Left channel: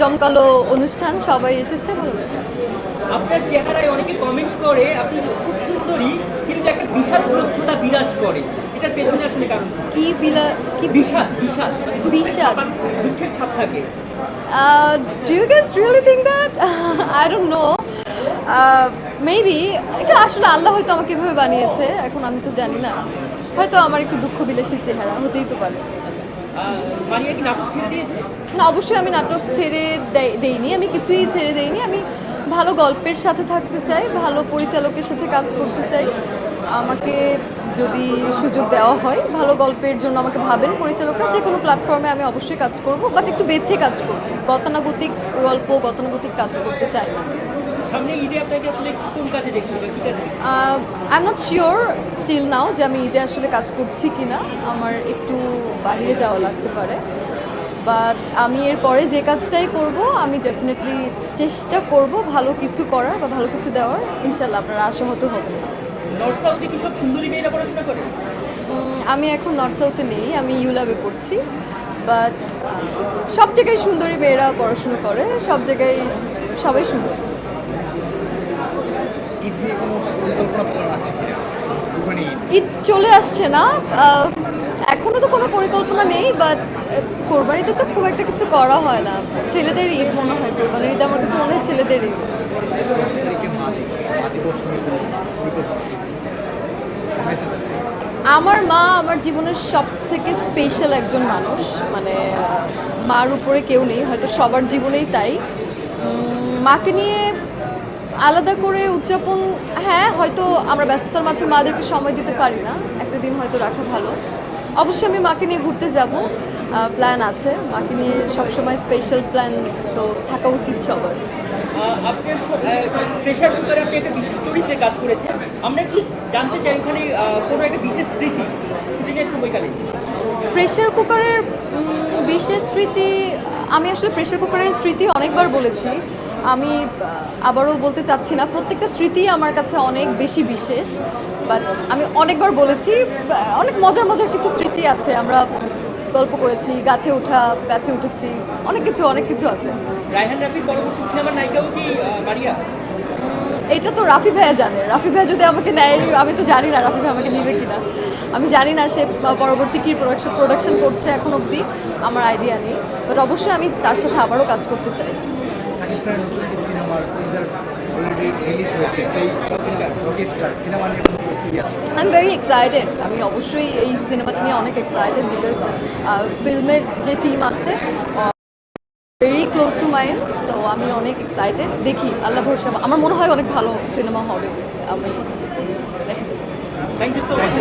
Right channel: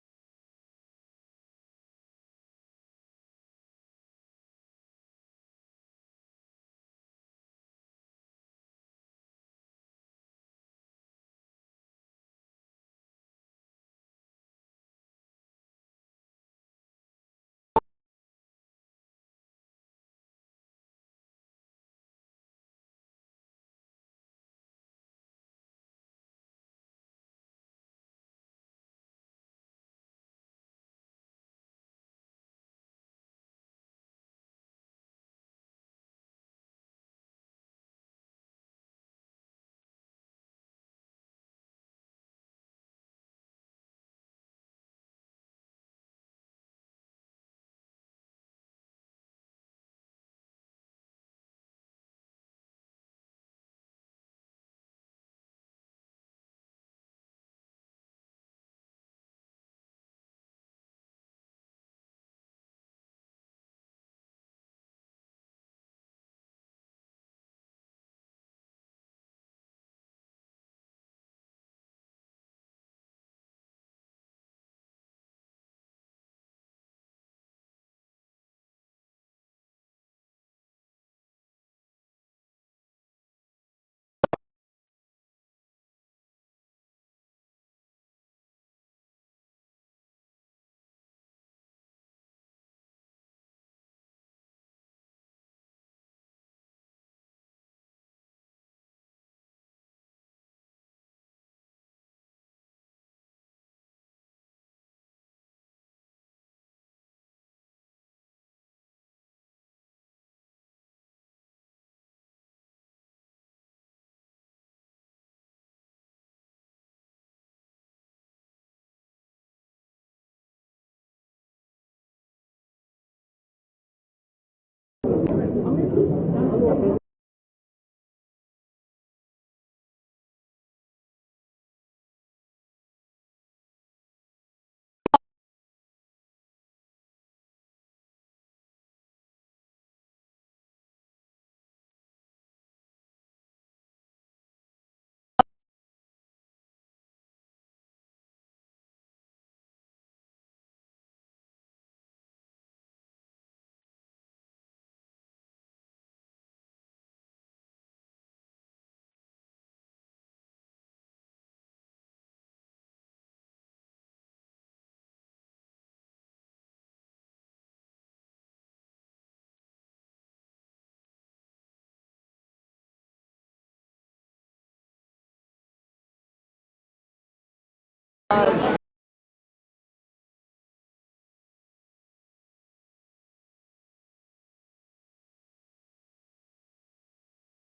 জমকালো অনুষ্ঠান, সবাই এসেছে, ভালো লাগছে। আপনার চেহারায় অনেকে কমেন্ট করে আপনি খুব সুন্দরী, কিন্তু একটা বিষাদ গ্রস্ততা বিরাজ করে, এটার পেছনে আসলে কারণ কি বিষাদ বিষাদ বিষাদ? দুঃখের ছাপ থাকে। Do you guys really think that? I don't know, maybe এটা আসলে আল্লাহ হয়তো আমাকে এভাবে বানিয়েছে, এখন আমি তো জানি না, হয়তো আমার একটু দুঃখ বিলাসী চেহারা হতেই তো পারে। মারিয়া কি নাটক ছেড়ে দিয়েছে? না, অবশ্যই আমি নাটক ছেড়ে দেইনি, আমি কিছুই ছেড়ে দেইনি। আমি ভালো গল্পের সাথে থাকতে চাই, ভালো পরিচালকের সাথে কাজ করতে চাই। আমাকে যদি সুযোগ দেওয়া হয়, ভালো গল্পের জন্য আমাকে ভাবেন পরিচালকরা, যে কোনো প্ল্যাটফর্মে আমি অবশ্যই কাজ করব, বাট একটু বেছে কাজ করব। গতানুগতিক গল্প, গতানুগতিক কাজ করতে চাই না। সামনে ঈদে আপনাকে আসলে কোন কাজে দেখছি বা কি কাজে? I am not sure still now যে আমি ঈদে আসলে কাজ করছি কি না, আমার একটু বাইরে যাওয়া লাগতে পারে। বাট আমি এরপরে যে কাজটাই করব, আমি ডেফিনেটলি চেষ্টা করব ভালো কিছু করার বা ভালো কিছু দেওয়ার। ইনশাল্লাহ আপনারা আশাহত হবেন না। নর্থ সাউথে কি সব সুন্দরী মেয়েরা পড়াশোনা করে? আমি এখন নর্থ সাউথে নেই, আমি ইউলাবে পড়ছি। বাট সব জায়গায় সুন্দরী মেয়েরা পড়াশুনো করে, সব জায়গায় সবাই সুন্দর। ঈদ চলে আসছে না, এখনো তো কোনো পরিকল্পনা নেই, বাট কোরবানিতে তো খুব একটা কিছু করা হয় না। ছেলেদের ঈদ মনে হয়, কোরবানির ঈদ আমার কাছে মনে হয় ছেলেদের ঈদ। আমার মা আমার জীবনের সব থেকে স্পেশাল একজন মানুষ, মানে মার উপরে কেউ নেই, হয়তো সবার জীবনেই তাই। মাকে নিয়ে আলাদা করে উদযাপন, হ্যাঁ হয়তো আমরা ব্যস্ততার মাঝে মাদেরকে সময় দিতে পারি না, একটা দিন হয়তো রাখা ভালো। অবশ্যই আমি মাকে নিয়ে ঘুরতে যাব, প্ল্যান আছে। মাকে নিয়ে সবসময় স্পেশাল প্ল্যান তো থাকা উচিত সবার। আপনার প্রেশার কুকারে আপনি একটা বিশেষ চরিত্রে কাজ করেছেন, আমরা একটু জানতে চাই ওখানে কোনো একটা বিশেষ স্মৃতি শুটিংয়ের সময়কালে। প্রেশার কুকারের বিশেষ স্মৃতি, আমি আসলে প্রেশার কুকারের স্মৃতি অনেকবার বলেছি, আমি আবারও বলতে চাচ্ছি না। প্রত্যেকটা স্মৃতি আমার কাছে অনেক বেশি বিশেষ, বাট আমি অনেকবার বলেছি। অনেক মজার মজার কিছু স্মৃতি আছে, আমরা গল্প করেছি, গাছে উঠেছি, অনেক কিছু আছে। রায়হান রাফির পরবর্তী সিনেমার নায়িকাও কি মারিয়া? এইটা তো রাফি ভাইয়া জানে। রাফি ভাইয়া যদি আমাকে নেয়, আমি তো জানি না রাফি ভাই আমাকে নেবে কিনা। আমি জানি না সে পরবর্তী কী প্রোডাকশন করছে, এখন অবধি আমার আইডিয়া নেই, বাট অবশ্যই আমি তার সাথে আবারও কাজ করতে চাই। I am very excited. আমি অবশ্যই এই সিনেমাটা নিয়ে অনেক এক্সাইটেড, বিকজ ফিল্মের যে টিম আছে very close to mind, so আমি অনেক এক্সাইটেড। দেখি, আল্লাহ ভরসা, আমার মনে হয় অনেক ভালো সিনেমা হবে। আমি দেখি। Thank you so much.